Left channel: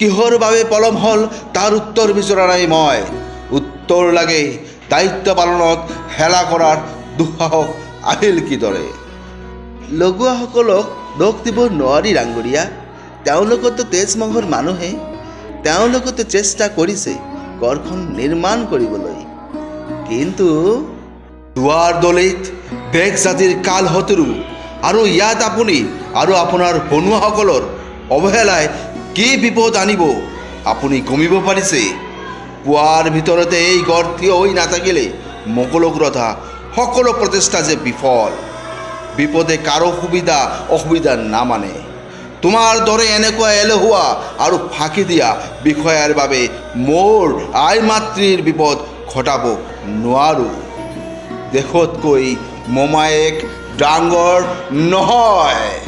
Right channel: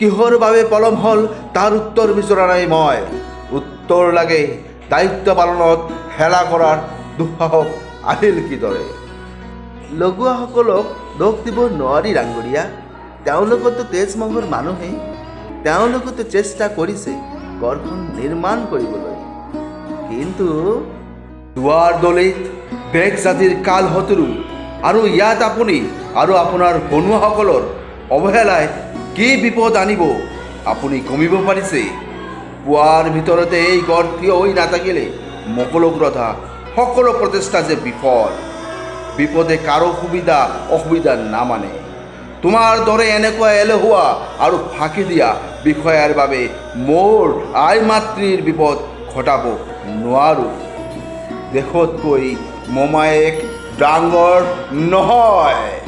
কিহৰ বাবে পলম হ'ল তাৰ উত্তৰ বিচৰা নাই মই। উত্তৰ লাগে দায়িত্ব পালনত হেলা কৰাৰ দুঃসাহস আহিল কিদৰে। লগুৱাসকলক দোষ দিব নোৱাৰি ডাঙৰীয়া। তেওঁলোকতো তেজ মাংসৰ মানুহে। তেওঁলোকতো চেষ্টা কৰিছে ঘৰখন নিৰ্মাণ কৰিবলৈ, কিন্তু দুৱাৰ দলিত বেগ জাতিৰ কাল শত্ৰু আৰু ইয়াত আপুনি আৰু আপোনাৰ বনুৱাসকলৰ অৱহেলাই কি বিপদ আনিব আপুনি গমিব পাৰিছে? পুৱাৰ ভিতৰতে এই গড় থিয় হৈ নাথাকিলে মকলকুৰথা সকলো প্ৰচেষ্টা যে বিফল। বিপদে কাৰো সুবিধা অসুবিধা নামানে। তোমাৰ দৰে এনেকুৱা এলেহুৱা আৰু ফাঁকি দিয়া বিষয়াৰ বাবে মোৰ আই মাতৃৰ বিপদ ঘটাব নোৱাৰোঁ। দেশতকৈ মোমায়েক ডাঙৰ নহয়।